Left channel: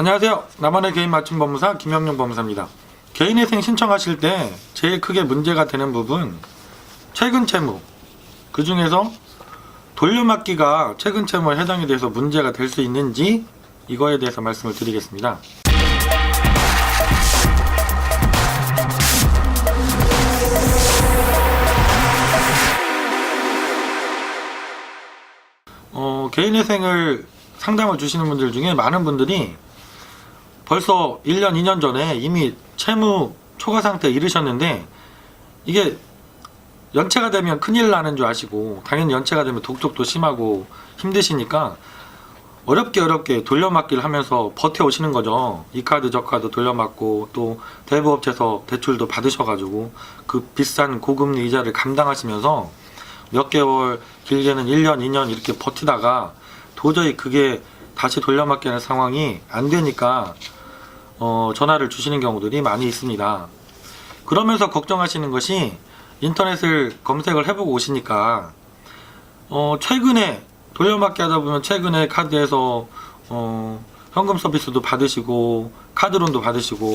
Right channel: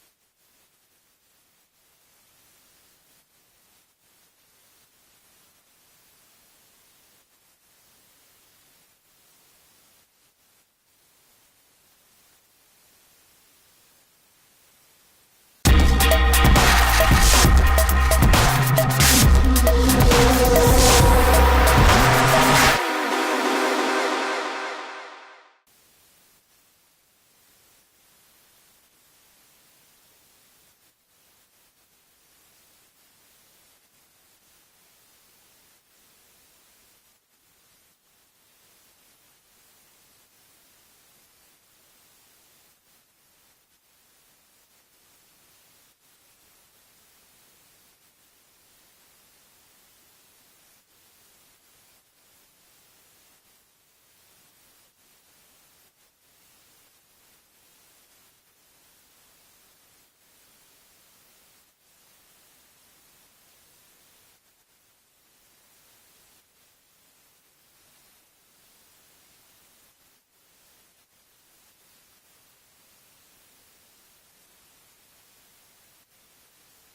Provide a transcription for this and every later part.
안녕하세요. 나만의 개인 맞춤 법무사 김영용 법무사입니다. 개인회생 신청하실 때 제일 크게 문제가 되는 부분, 최근 채무, 그 중에서 돌려막기가 최근 채무에 해당이 돼서 문제가 될 수 있는지 이거에 대해서 말씀을 드리겠습니다. 개인회생을 상담을 주시는 분들 중에 많은 분들이 벌써 1년, 2년 전에 이미 채무 초과 상태에 이르셨는데 이게 연체가 되면 큰일 나는 줄 아시고 당연히 연체가 되면 독촉도 심하고 힘드시니까 어렵게 돌려막기를 하면서 버텨오시는 거죠. 이 카드 저 카드 돌려막고 또 대부업체에서 대출도 받으셔가지고 그 비싼 고금리 이자를 감당하시면서 몇 개월, 길게는 1년, 2년 이렇게 버티다가 도저히 그게 다시 돌려막기 하는 상황이 안 되니까 전화를 주시는 경우들이 많이 있습니다. 그러면서 걱정하시는 것이 인터넷을 검색을 해보고 오시니까 최근에 돌려막기 하다 보면 최근에 카드에서 현금 서비스도 받으시고 카드론도 받으시고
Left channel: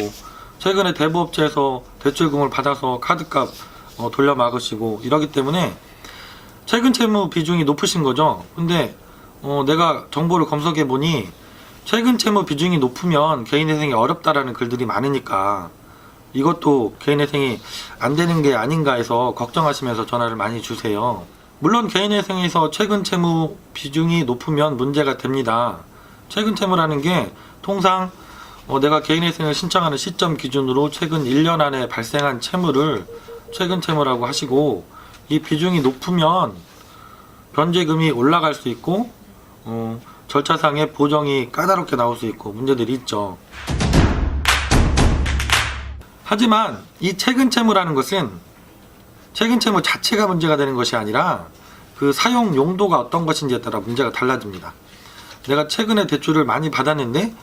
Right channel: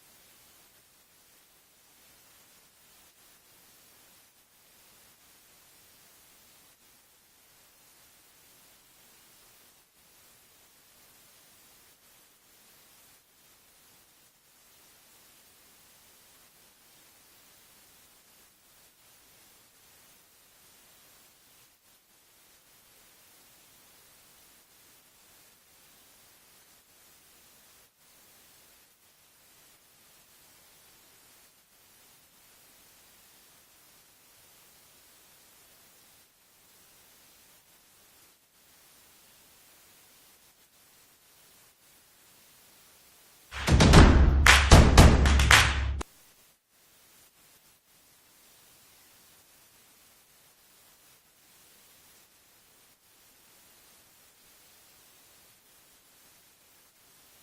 최근에 대부업체에서 대출금을 받아서 카드값 돌려막으시고 이러기 때문에 최근 채무 비중이 높으신 거죠. 근데 내가 정보를 검색해 보니 최근 채무 비중이 높으면 개인회생이 어렵다라는 글들이 많으니까 이것도 개인회생이 안 되는 게 아닌가 해서 걱정하시면서 전화를 많이 주세요. 물론 개인회생에서 최근 채무 비중이 높으면 문제가 됩니다. 최근 채무라는 게 통상 내가 개인회생을 신청하는 시점 기준으로 최근 1년 안에 발생한 채무를 최근 채무라고 하시고 이 비중이 높으면 변제금이 올라갈 수 있고 절차상의 보정이 까다롭게 나올 수 있고 문제들이 있죠. 하지만 이 최근 채무라는 것은 최근 채무 자체가 문제가 되는 것이 아니라 그 사용 용도가 어떤 것인지에 따라 문제가 달라집니다. 내가 최근에 대출을 많이 받았는데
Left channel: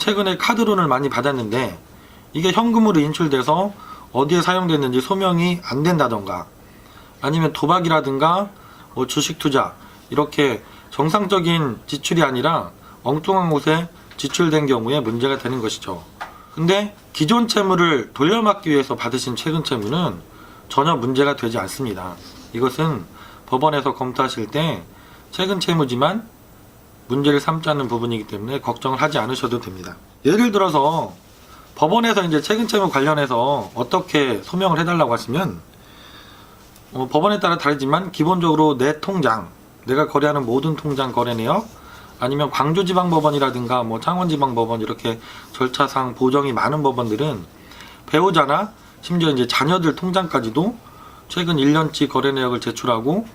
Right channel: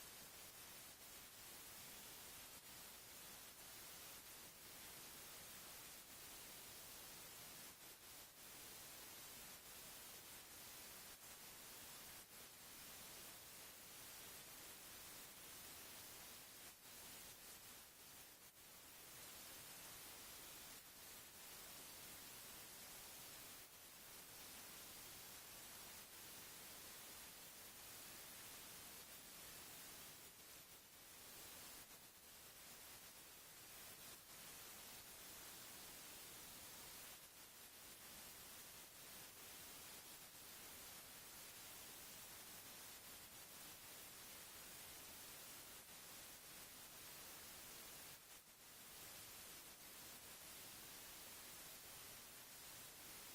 최근에 카드론을 많이 받았는데 이게 현금으로 인출돼서 어디에 사용됐는지 소명이 안 된다던가 아니면 도박이라든가 주식 투자 이렇게 정상적인 지출이 아니라 엉뚱한 곳에 지출된 경우에 문제가 되는 것이죠. 근데 기존 채무를 돌려막기 위해서 받으신 최근 채무는 전혀 문제가 되지 않습니다. 이것은 법원에서 검토하실 때 최근 채무지만 문제를 삼지 않는 부분이기 때문에 걱정을 하지 않으셔도 됩니다. 예를 들어서 법원에서 이제 최근 채무 관련해서 어떻게 소명을 해달라고 하시면 법원에 따라 다르지만 기본적으로 내 통장, 내가 거래하는 모든 통장 거래 내역 아니면 광주지방법원이라든가 창원지방법원 이렇게 절차상 보정이 많은 법원들은 배우자나 심지어 이제 자녀들 통장까지도 최근 1년치 거래 내역을 제출하고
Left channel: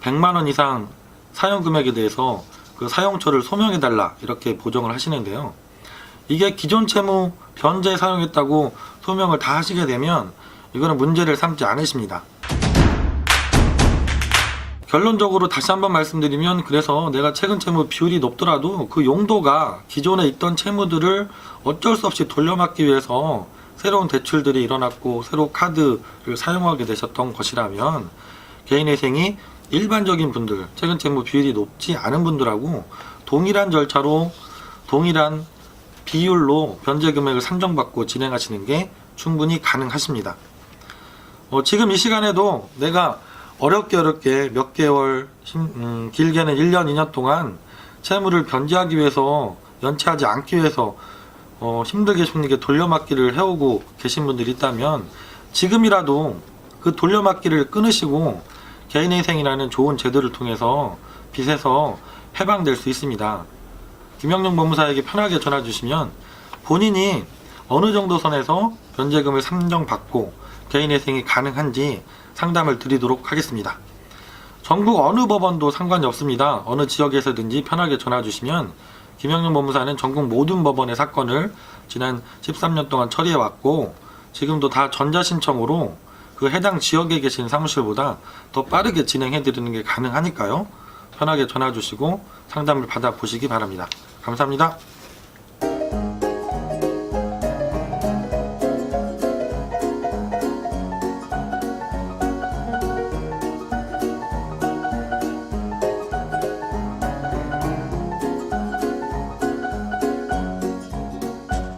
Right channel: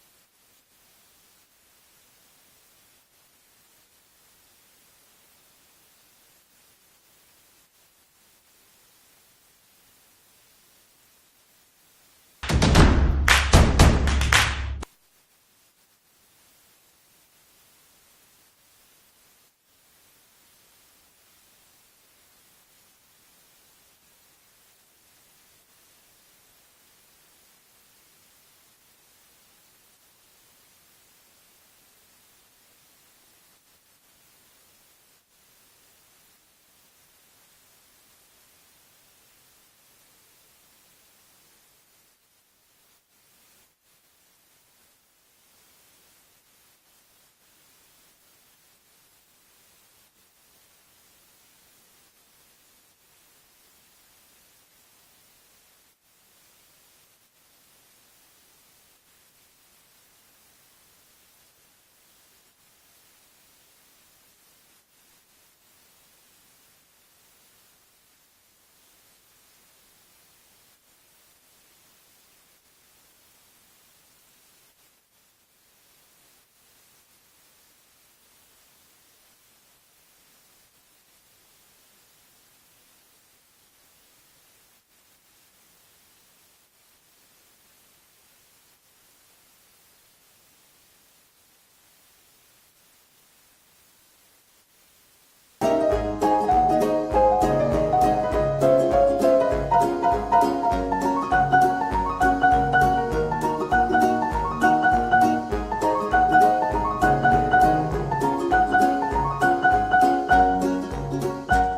100만 원 이상 사용 금액에 대해서 그 사용처를 소명해달라 이렇게 보정을 하시는데요. 이게 기존 채무 변제에 사용했다고 소명을 다 하시게 되면 이거는 문제를 삼지 않으십니다. 결론적으로 다시 한번 말씀드리면 그래서 내가 최근 채무 비율이 높더라도 그 용도가 기존에 있던 채무들을 어쩔 수 없이 돌려막기 위해서 새로운 대출들이 일어났고 새로 카드를 사용하게 되셨던 것이라면 개인회생이 일반적인 분들 최근 채무 비율이 높지 않은 분들하고 동일한 절차로 동일한 비율로 변제 금액을 산정받고 진행하시는 게 충분히 가능하십니다. 지금 이 시간에도 내가 어렵게 몇 개월, 길게는 1년, 2년 동안 채무를 변제하기 위해서 연체하지 않기 위해서 힘들게 돌려막기를 해오고 계신 분들이 있다면 지금이라도 그 돌려막기를 끊으시고 개인회생이라는 좋은 제도를 통해서 빚에서 해방될 수 있습니다. 김영용 법무사에게 편하게 전화 주시면 본인이 어느 정도 선에서 변제금을 산정받고 개인회생이 가능한지 상담을 드리도록 하겠습니다. 전국 어느 법원도 상관이 없습니다. 어느 지역에서든지 편하게 전화 주시면 김영용 법무사는 전국 모든 법원의 사건을 지난 13년 동안 처리해 왔고 지금도 다 전자신청으로 그 해당 지역에 계신 사무실보다 더 빠르게 진행해 드리는 게 가능하니까요. 편하게 전화 주시고 상담을 받아 보시기 바랍니다. 감사합니다.